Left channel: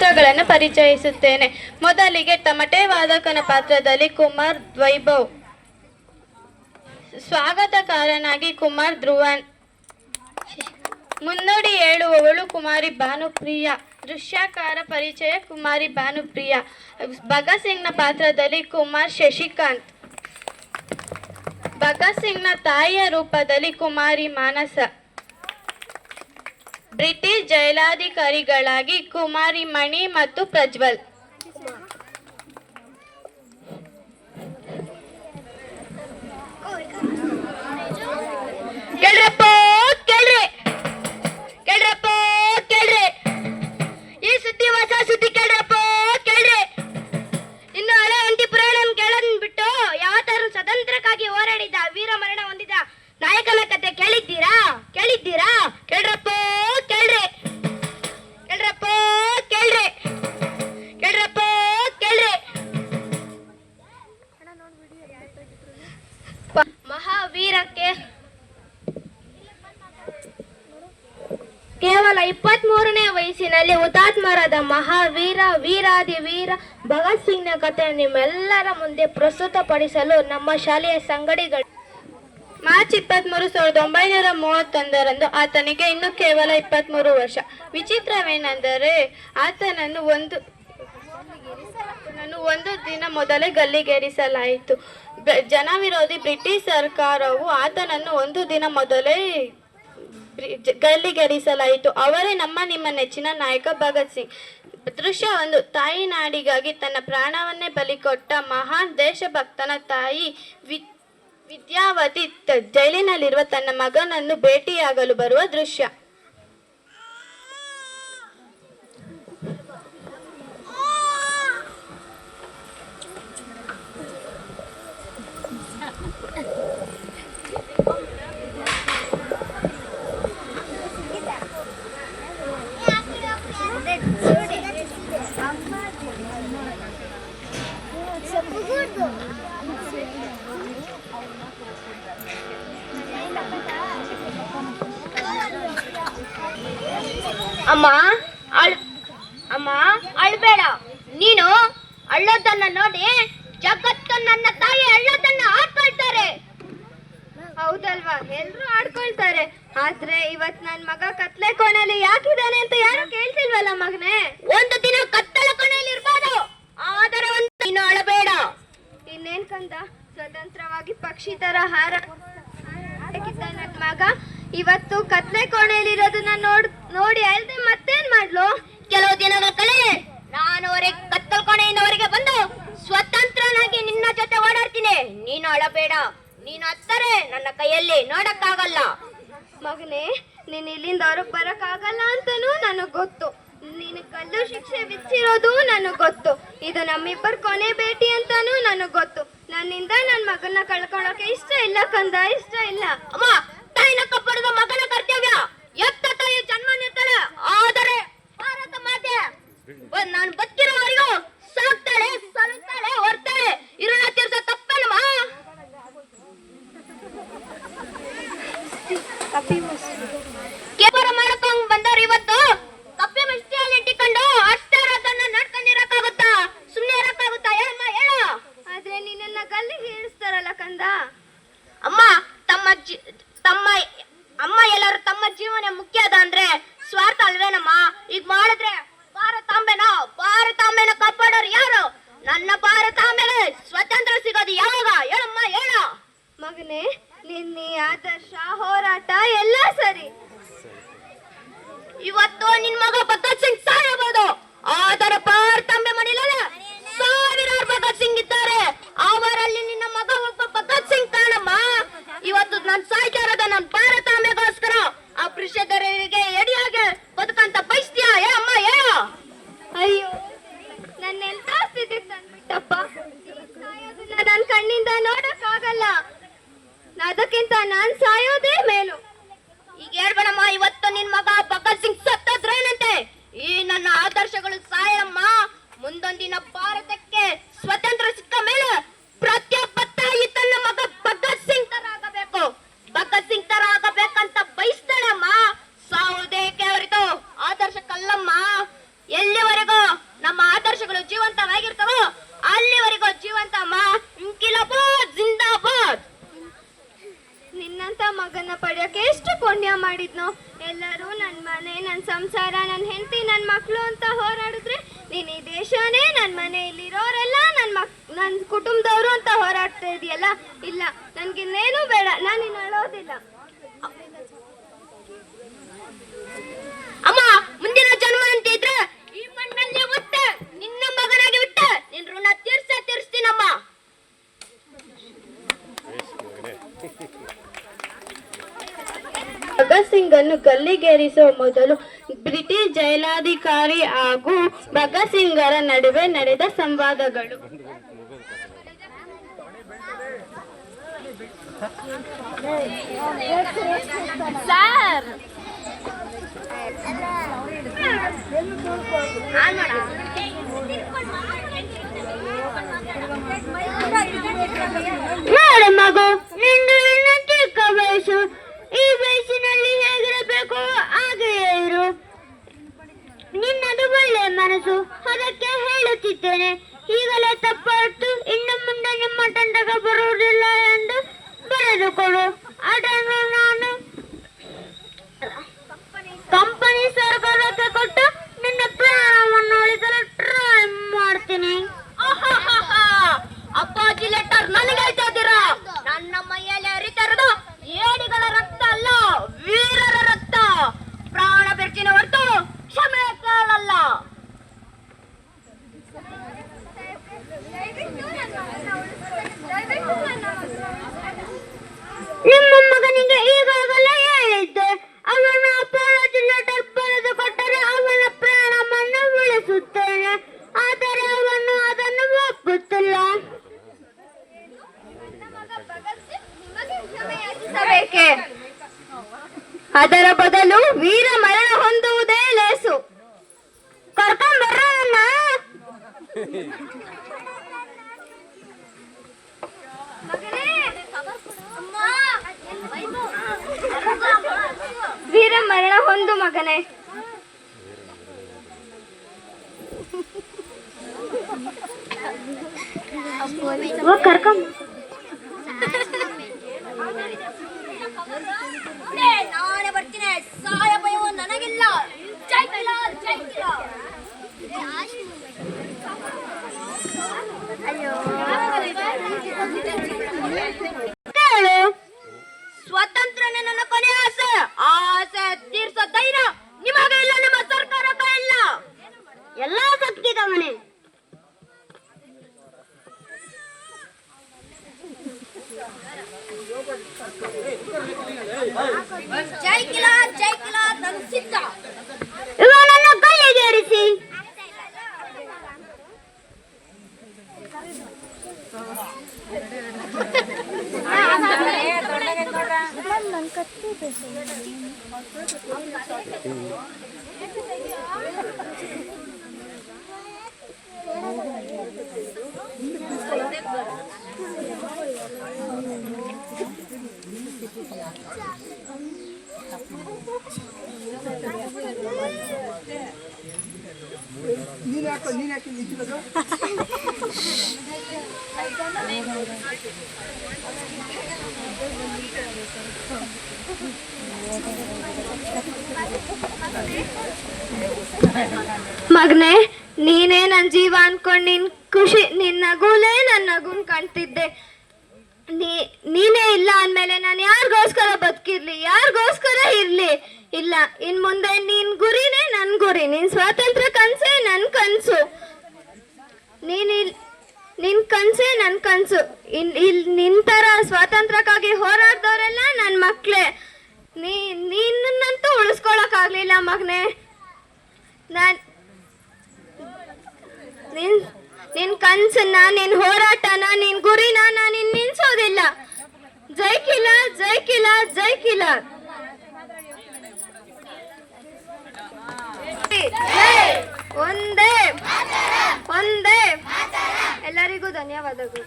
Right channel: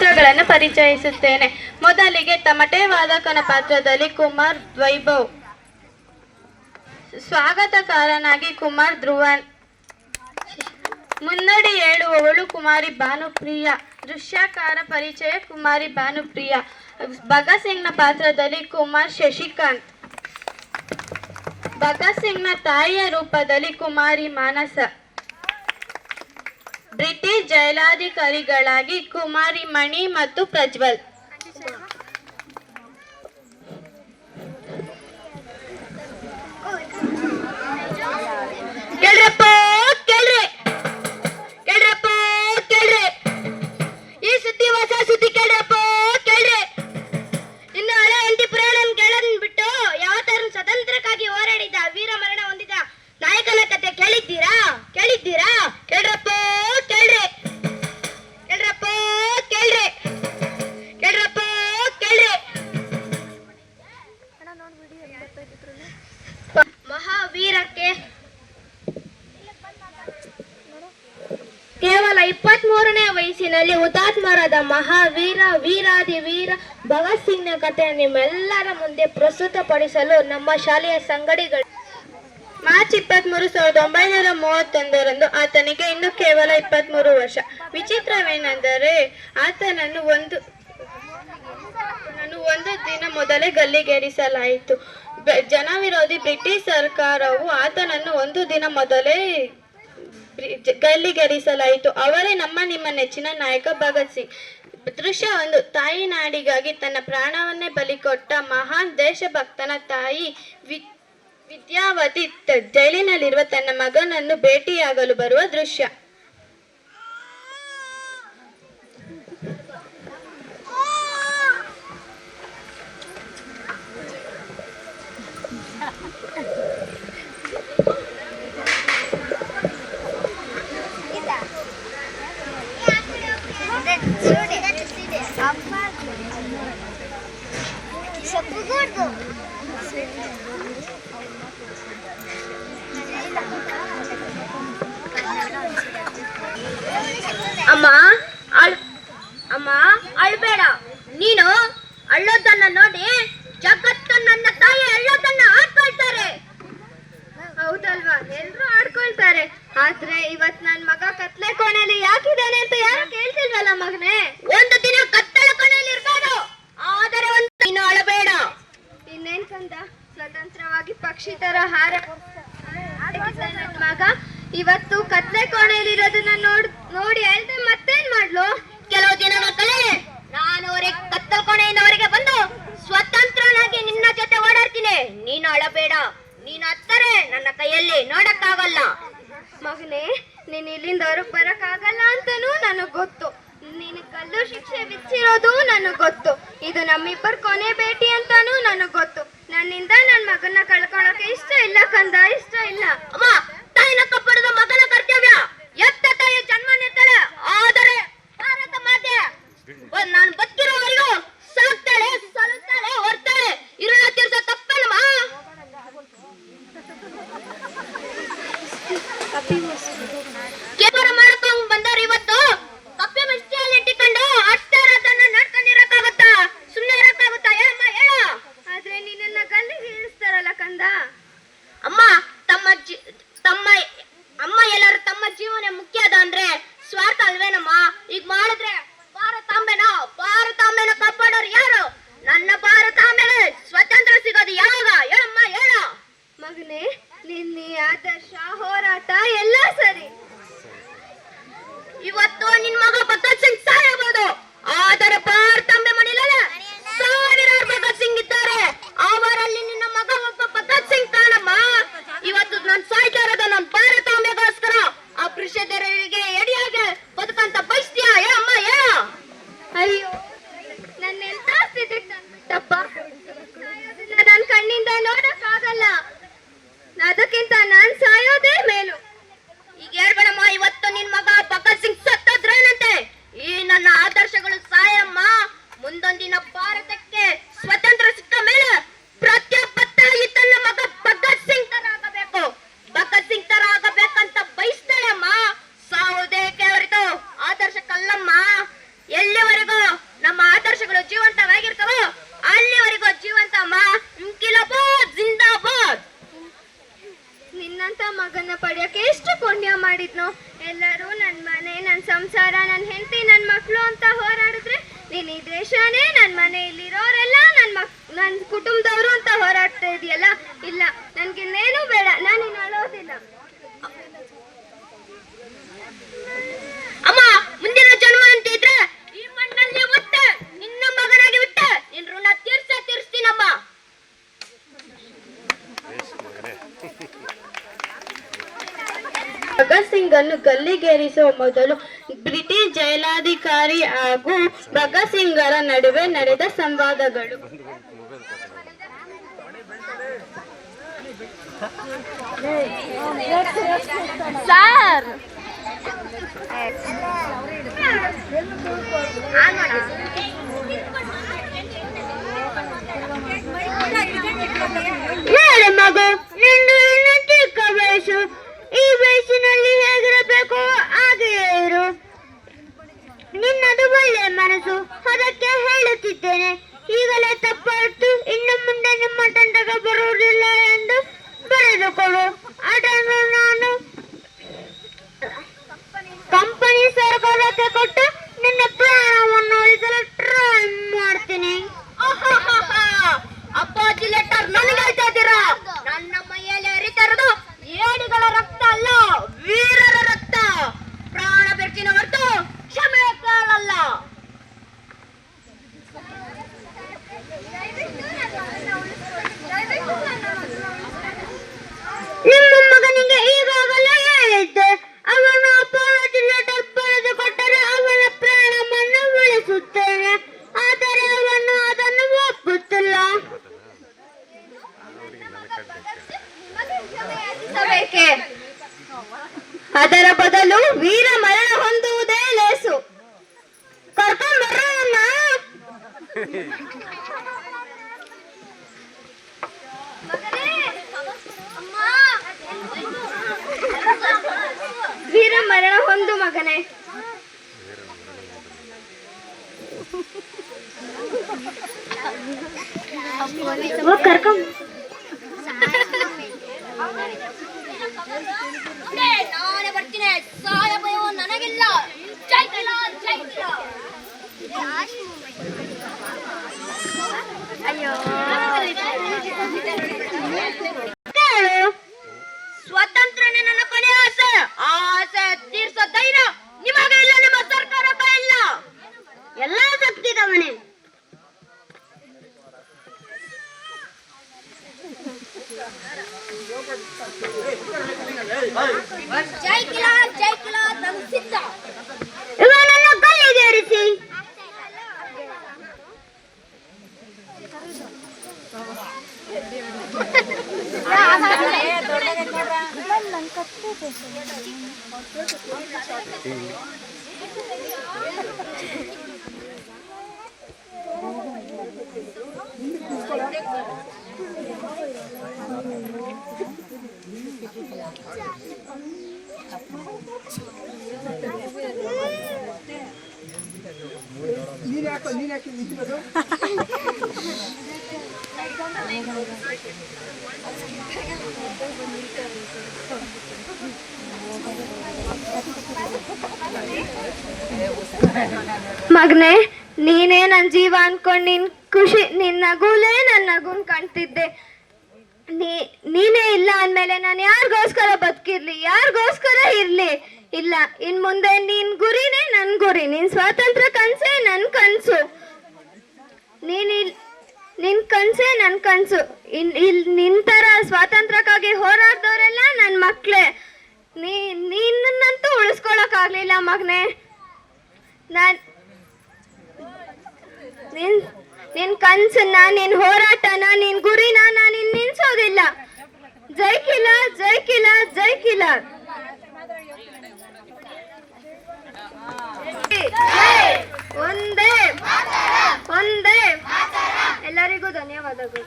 ಚಿತ್ರಗಳನ್ನು ಪರಿಚಯಿಸುತ್ತೇನೆ. ಮೊದಲಿಗೆ ತಮಟೆ ವಾದಕನ ಪಾತ್ರದಲ್ಲಿ ಕುಮಾರ್ ವೈಭವ್, ಸ್ವಾಗತಕಾರನಾಗಿ ಕುಮಾರ್ ಧ್ರುವನ್, ಮುನ್ನಡಿ ಹೇಳುವವಳು ಕುಮಾರಿ ಭಾನುಪ್ರಿಯ, ದೃಶ್ಯಕಾರ ಪರಿಚಯ ಕುಮಾರಿ ಭಾನುಪ್ರಿಯ, ಭಗತ್ ಸಿಂಗ್ನ ಪಾತ್ರದಲ್ಲಿ ಕುಮಾರ್ ಶಶಿಕಾಂತ್, ಭಗತ್ ಸಿಂಗ್ನ ತಾಯಿಯ ರೂಪದಲ್ಲಿ ಕುಮಾರಿ ಮಾನಸ, ಬ್ರಿಟಿಷ್ ಜೈಲಾಧಿಕಾರಿಗಳಾಗಿ ಕುಮಾರಿ ಮಣಿ ಮತ್ತು ಪ್ರಜ್ವಲ್. ಈ ಸುದ್ದಿ ಹೊಸ ಸುದ್ದಿ ಕೇಳ್ರಪ್ಪ ಕೇಳ್ರಿ. ಇನ್ನು ಹಳೆ ಎಂಟಿ ಪುರಾಣ ಕೇಳನ್ಬಿಟ್ಟು ಯಾವತ್ತಾರು ಸ್ವತಂತ್ರಕ್ಕಾಗಿ ಹೋರಾಡಿದ ವೀರ ಮರಣ ಹೊಂದಿದ ನಾಯಕನ ಕತೆ ಕೇಳಿದ್ದೀರಾ? ಕೇಳ್ರಪ್ಪ ಕೇಳ್ರಿ. ಮಹಾವೀರಕ್ಕೆ ಕೇವಲ 23ನೇ ವಯಸ್ಸಿನಲ್ಲಿ ಹುತಾತ್ಮರಾದ ಮಹಾವೀರ ವೀರಾದಿ ವೀರ ಭಗತ್ ಸಿಂಗ್ನ ಕಥೆ ನಿಮ್ಮೆಲ್ಲರ ಮುಂದೆ ಪ್ರಸ್ತುತಪಡಿಸಲು ನಮ್ಮ ಶಾಲೆಯ ಸಂಗಡಿಗಳು. ಮಾರ್ಚ್ 23, 1931 ಆತನಿಗೆ ಇನ್ನು ಕೇವಲ 23 ವರ್ಷ. ವಿಚಿತ್ರವೇನೆಂದರೆ ಆತನನ್ನು ಒಂದು ದಿನ ಮೊದಲೇ ಗಲ್ಲಿಗೇರಿಸಲಾಯಿತು. ಜನವಿರೋಧಿ ಬ್ರಿಟಿಷ್ ಸರ್ಕಾರವು ಆತನನ್ನು ಒಂದು ದಿನ ಮೊದಲೇ ಗಲ್ಲಿಗೇರಿಸಲಾಯಿತು. ಅವರೇ ನಿಮ್ಮ ನೆಚ್ಚಿನ ನಾಯಕ ಭಗತ್ ಸಿಂಗ್. ದೃಶ್ಯ 1. ತಾಯಿ ನಾಡಿಗಾಗಿ ತನ್ನ ಪ್ರಾಣವನ್ನೇ ಬಲಿಕೊಟ್ಟ ಮಹಾನ್ ದೇಶಭಕ್ತನ ತಾಯಿ ವಿದ್ಯಾವತಿ ಜೈಲಿನಲ್ಲಿರುವ ತನ್ನ ಮಗನನ್ನು ಭೇಟಿಯಾಗಲು ಬರುವ ದೃಶ್ಯ. ಅಮ್ಮ ಅಳ್ಬೇಡ. ನೀನು ಅಳ್ಳೋದನ್ನ ನೋಡಿ ಜಗತ್ತು ನನ್ನ ತಾಯಿ ಅಳ್ಳೋದನ್ನ ಆಡ್ಕೊಳ್ತಾರೆ. ಹೌದಲ್ವಾ? ಎಲ್ರು ಆಡ್ಕೊಳ್ತಾರೆ. ಆದ್ರೆ ಇವತ್ ನನ್ ಮಗ ಕತ್ಲೆ ಕೋಣೆಯಲ್ಲಿ ಯಾಕಿದ್ದಾನೆ ಅಂತ ಯಾರು ಕೇಳ್ತಿಲ್ವಲ್ಲ ಮಗನೇ. ಒಂದು ದಿನ ಕತ್ತಲ ಕೋಣೆಯಲ್ಲಿ ಇರ್ಬೋದು, ಆದರೆ ನೀನು ಅಳಬೇಡ. ಇನ್ನೇನ್ ಕಂದ, ಸ್ವತಂತ್ರವಾಗಿ ಪಕ್ಷಿ ತರ ಹಾರ ನನ್ ಮಗ ಇವತ್ತು ಕತ್ಲೆ ಕೋಣೆಯಲ್ಲಿರೋದನ್ನ ನೋಡಿ ಅಲ್ದೆ ಮತ್ತೇನ್ ಮಾಡ್ಲು? ಕೆಲವು ದಿನಗಳ ಕಳೆ ನಾನು ಕತ್ತಲ ಕೋಣೆಯಿಂದ ಹೊರಗೆ ಬಂದು ಸ್ವತಂತ್ರನಾಗಿ ನಿನ್ನ ಜೊತೆ ಓಡಾಡ್ತೀನಿ. ನೀನು ಅಳಬೇಡ. ನೀನು ಹತ್ತರೆ ನನ್ನ ಕೈಯಲ್ಲಿ ನೋಡಕ್ಕಾಗಲ್ಲ. ಮಗನೇ, ನೀನ್ ಇಲ್ಲಿಂದ ಹೊರಗೆ ಬರಕ್ಕಾಗಲ್ಲ ಅಂತಾನೂ ನನಗ್ ಗೊತ್ತು. ನೀನು ಕಲ್ಲು ಶಿಕ್ಷೆ ವಿಧಿಸಿರೋದು ನನಗ್ ಗೊತ್ತು. ಇದು ನಮ್ಮಿಬ್ಬರ ಕೊನೆ ಭೇಟಿ ಅಂತಾನೂ ನನಗ್ ಗೊತ್ತು. ನನ್ನಿಂದ ನನ್ ಮಗನ ಕಳ್ಕೊಳಕ್ಕೆ ಇಷ್ಟ ಇಲ್ಲ ಕಂದ, ಇಷ್ಟ ಇಲ್ಲ. ಅಮ್ಮ, ತಾಯಿನ ಕಪ್ಪಡದ ಮಗನ ಕರ್ತವ್ಯ. ಎತ್ತ ತಾಯಿ ಜನ್ಮ ನಿರ್ತಾಳೆ, ಆದರೆ ಭಾರತ ಮಾತೆ ನಾನು ಬದುಕಿರೋವರೆಗೂ ಸಾಕ್ತಾಳೆ, ಸಲುತ್ತಾಳೆ, ಹೊರ್ತಾಳೆ. ಇರೋಣ ತೀರ್ಸ ತಪ್ಪಲ್ಲಮ್ಮ. ಕೇವಲ ಮಾಡ್ಕೊಂಡ್ ಬಂದವ್ರು ಇವತ್ತು ಕಪ್ಪೆ ಮಸ್ತಿಯಲ್ಲಿ ಇಟ್ಟಿಕೊಂಡು ಅಷ್ಟರದನ್ನ ನಡ್ಕೊಂಡಿರಕ್ಕಾಗತ್ತಾ? ಸುಮ್ಮನೆ ಇರಕ್ಕಾಗುತ್ತಾ? ಹೇಳಮ್ಮ ಹೇಳ. ಆದ್ರೆ ನಿನ್ನ ಗಲ್ಲಿಗೆ ಇಳಿಸ್ತಾರಲ್ಲ ಕಂದ. ಅಮ್ಮ ಎಲ್ಲರೂ ತಮ್ಮ ಜೀವನ ಮುಖ್ಯ ಅದ ಅಂದ್ರೆ ಸ್ವಾರ್ಥ ಅಲ್ವೇನಮ್ಮ? ಈಗ ಮಾಡಿದ್ರೆ ಭಾರತಾಂಬೆನ ಕಾಪಾಡೋರು ಯಾರು? ನನ್ನ ಭಾರತಾಂಬೆ ಸ್ವತಂತ್ರ ಸಿಗೋದು ಯಾವಾಗ? ಹೇಳಮ್ಮ ಹೇಳ. ಮಗನೇ, ನಿನ್ನ ಆದರ್ಶ ಹೋರಾಟ ಎಲ್ಲ ಸರಿ. ಇವತ್ತು ನಿನ್ ಮಗ ಭಗತ್ ಸಿಂಗ್ ಸಾಯಬಹುದು, ಆದರೆ ಭಾರತಾಂಬೆ ಮಡಿಲಲ್ಲ ಸಾವಿರಾರು ಭಗತ್ ಸಿಂಗ್ ಇದ್ದಾರೆ. ಅವರಲ್ಲಿ ನಿನ್ನ ಮಗ ಒಬ್ಬ ಭಗತ್ ಸಿಂಗ್ ತಾನಮ್ಮ. ಇವತ್ತು ನಾನು ಸಾಯ್ತಾ ಇರೋದು ನನ್ನ ಭಾರತಾಂಬೆಗೋಸ್ಕರ. ಆ ಪುರುಷರಿಗೆ ಎಡಿಯಾಗೆ ಬದುಕಂತ ಬಯಸ್ತೀಯ? ಹೇಳಮ್ಮ ಹೇಳ. ಅಯ್ಯೋ, ನನ್ನೆಂತ ಸ್ಥಿತಿಗೆ ತಂದ್ಬಿಟ್ಟಪ್ಪ. ನನ್ನ ಕಣ್ಣಿಂದ ನೋಡಕ್ಕಾಗಲ್ಲ. ಅದಕ್ಕಿಂತ ನಾನ್ ಸಾಯೋದೇ ಮೇಲು. ಈಗ ಹೇಳ್ಬೇಡಮ್ಮ, ಇವತ್ತು ನಿನ್ ಮಗ ಭಗತ್ ಸಿಂಗ್ ಸತ್ತೋದ್ರೇನಂತೆ. ಈ ನನ್ನ ಆದರ್ಶಗಳು ಸಾಯಮ್ಮ. ಮುಂದೊಂದಿನ ಭಾರತಕ್ಕೆ ಸ್ವತಂತ್ರ ಸಿಕ್ಕ ಮೇಲೆ ಪ್ರತಿಯೊಬ್ಬ ತಾಯಿ ತನ್ನ ಮಗ ಭಗತ್ ಸಿಂಗ್ ತರ ಆಗಬೇಕು, ಭಗತ್ ಸಿಂಗ್ ತರ ಆಗಬೇಕಂತ ಬಯಸ್ತಾಳಮ್ಮ. ಸಾವುದೇಕೆ ಅವರಿದು ಆದರ್ಶ ಕಲ್ಲಮ್ಮ. ಎಲ್ಲಿವರೆಗೂ ಜೀವಂತವಾಗಿರ್ತವೋ ಅಲ್ಲಿವರೆಗೂ ಜೀವಂತ ಅಮ್ಮ. ಇನ್ಕಿಲಾಬಾದ್ ಜಿಂದಾಬಾದ್. ನಿನ್ನಂತ ಮಗನ ಪಡೆಯೋಕೆ ಎಷ್ಟು ಪುಣ್ಯ ಮಾಡಿದ್ನು. ಎಲ್ಲರೂ ನನ್ನ ಮನೆ, ನನ್ನ ಸಂಸಾರ, ನನ್ನ ಹೆಂಡತಿ, ನನ್ನ ಮಕ್ಕಳು ಅಂತ ಹೋರಾಡಿದ್ರೆ ನೀನು ಈ ದೇಶನೇ, ನನ್ನ ಮನೆಯಲ್ಲಿರೋರೆಲ್ಲ ನನ್ನ ಕುಟುಂಬದವರು ಅಂತ ಹೋರಾಡ್ತಾ ಇದೆಯಲ್ಲ. ಇಲ್ಲ, ನನ್ಗಿನ್ನೇನು ಬೇಡ, ನಾನು ಇನ್ನು ಅಳೋದಿಲ್ಲ. ಅಮ್ಮ, ಮುಂದಿನ ಜನ್ಮ ಅಂತಿದ್ರೆ ಈ ಮಣ್ಣಲ್ಲಿ ಹುಟ್ಟೆ ನಿನ್ನ ಮಗನಾಗಿ ಹುಟ್ಟೆ ನಿನ್ ಋಣ ತೀರ್ಸ್ತೀನಮ್ಮ. ಭಗತ್ ಸಿಂಗ್ ಅನ್ನು ಗಲ್ಲಿಗೇರಿಸುವ ಮೊದಲು ಬ್ರಿಟಿಷ್ ಜೈಲಾಧಿಕಾರಿ ಹಾಗೂ ಭಗತ್ ಸಿಂಗರ ನಡುವೆ ನಡೆದ ಸಂವಾದಗಳು. ಸರ್, ನೋಡ ಮಗು, ನಿಂದು ಇನ್ನು ಚಿಕ್ಕ ವಯಸ್ಸು. ಈ ವಯಸ್ಸಿನಲ್ಲಿ ಹೇಗಿರಬೇಕು ಹಾಗೆಯೇ ಇರು. ನಿನ್ನದು ಒಳ್ಳೆ ಮನಸ್ಸು, ಅದಕ್ಕೆ ಹೇಳುತ್ತಿದ್ದೇನೆ. ಈಗಲೇ ತಪ್ಪಾಯ್ತು, ಇನ್ನು ಮುಂದೆ ನಿಮ್ಮ ತಂಡಕ್ಕೆ ಬರುವುದಿಲ್ಲ ಎಂದು ಬರೆದುಕೊಡು. ಅದನ್ನು ನಾನು ಕಂಪನಿ ಸರ್ಕಾರಕ್ಕೆ ಕೊಟ್ಟು ನಿನ್ನ ಪ್ರಾಣವನ್ನು ಉಳಿಸಲು ಟ್ರೈ ಮಾಡ್ತೀನಿ. ಅಪ್ಪಾಜಿ ಲೆಟರ್ ನನಗೆ ಹೇಳ್ತಾ ಇದ್ದೀರಾ? ನನ್ನ ಮೈಯಲ್ಲಿ ಹರಿತಾ ಇರೋದು ಏಡಿಗಳ ರಕ್ತ ಅಲ್ಲ, ವೀರರ ರಕ್ತ. ಪ್ರಾಣ ಬೆರ್ಚಿನ ಹೊರತು ಕ್ಷಮೆ ಕಾಳಲ್ಲ. ನಿಮ್ಮ ಮಗನಿಗೆ ಈಗಾಗಲೇ ಹೇಳಿದ್ದೆ, ಅವನ ಅಪಾಲಜಿ ಲೆಟರ್ ಬರೆದು ಕೊಟ್ಟರೆ ಅವನ ಪ್ರಾಣವನ್ನು ಉಳಿಸುತ್ತೇನೆ. ಆದರೆ ಅವನು ಅದನ್ನು ಒಪ್ಪುತ್ತಿಲ್ಲ. ಅದರ ಬದಲು ವೀರ ಮರಣ ಹೊಂದುವುದೇ ಲೇಸು. ಕರ್ಕೊಂಡ್ಬರೋಣ. ವೀರ ಮರಣ ಹೊಂದು ಮಗನೇ. ಕರ್ಕೊಂಡ್ ನಾನೇ ಬರ್ತೀನಿ. ಸಹಾಯ ಭಯವು ನನಗಿಲ್ಲ. ಜೈ ಕಿಲಾರ್, ಜೈ ಕಿಲಾರ್. ಸ್ವಾತಂತ್ರ್ಯನೇ ನನ್ನ ಕೊನೆ ಆಸೆ. ಆಸೆ ತೀರ್ಸೋ ಧೈರ್ಯ ನಿಮಗೆ ಇಲ್ಲ, ನಿಮ್ಮ ಸರ್ಕಾರಕ್ಕೆ ಇಲ್ಲ. ಎಲ್ಲ ಶಕ್ತಿ ಗಮನೆ. ಜೈ ಕಿಲಾರ್, ಜೈ ಕಿಲಾರ್. ನಾನು ಸಿದ್ಧ. ಇವನನ್ನು ಗಲ್ಲಿಗೇರಿಸಿ. ಮಗನೇ, ನೀನೇ ನನ್ನ ಜೀವ ಅನ್ಕೊಂಡು ನಿನ್ ಖುಷಿ, ನಿನ್ನ ನಗುಲೇ ನನ್ನ ನಗುನ್ ಕಾಣ್ತಿದ್ದೆ. ನೀನೇ ಇಲ್ಲ ಅಂದ್ಮೇಲೆ ನಾನು ಯಾರಿಗೋಸ್ಕರ ಬದುಕಿರ್ಲಿ, ಯಾರಿಗೋಸ್ಕರ ಇರ್ಲಿ? ಇಲ್ಲ, ಇನ್ ಮುಂದೆ ನಿನ್ ಗುರಿನೇ ನನ್ ಗುರಿ, ನಿನ್ ಸ್ವಾತಂತ್ರ್ಯ ಕನ್ಸೇ ನನ್ ಕನ್ಸು, ನಿನ್ ಕನ್ಸೇ ನನ್ ಕನ್ಸು. ನಿನ್ ತರ ಸ್ವಾತಂತ್ರ್ಯಕ್ಕಾಗಿ ಹೋರಾಡ್ದವರೆಲ್ಲ ನನ್ ಮಕ್ಳೇ. ನಿನ್ನಂತೂ ಉಳಿಸ್ಕೊಳಕ್ ಆಗ್ಲಿಲ್ಲ ಮಗನೇ. ನಿನ್ ಕನ್ಸನ್ನ, ನಿನ್ ಹೋರಾಟನ, ನಿನ್ ಗುರಿನ ನಾನು ನಿಲ್ಸೋದಿಲ್ಲ. ಜೈ ಕಿಲಾರ್, ಜೈ ಕಿಲಾರ್, ಜೈ ಕಿಲಾರ್. ಒಂದೇ ಒಂದೇ. ಎಲ್ಲರಿಗೂ ಧನ್ಯವಾದಗಳು.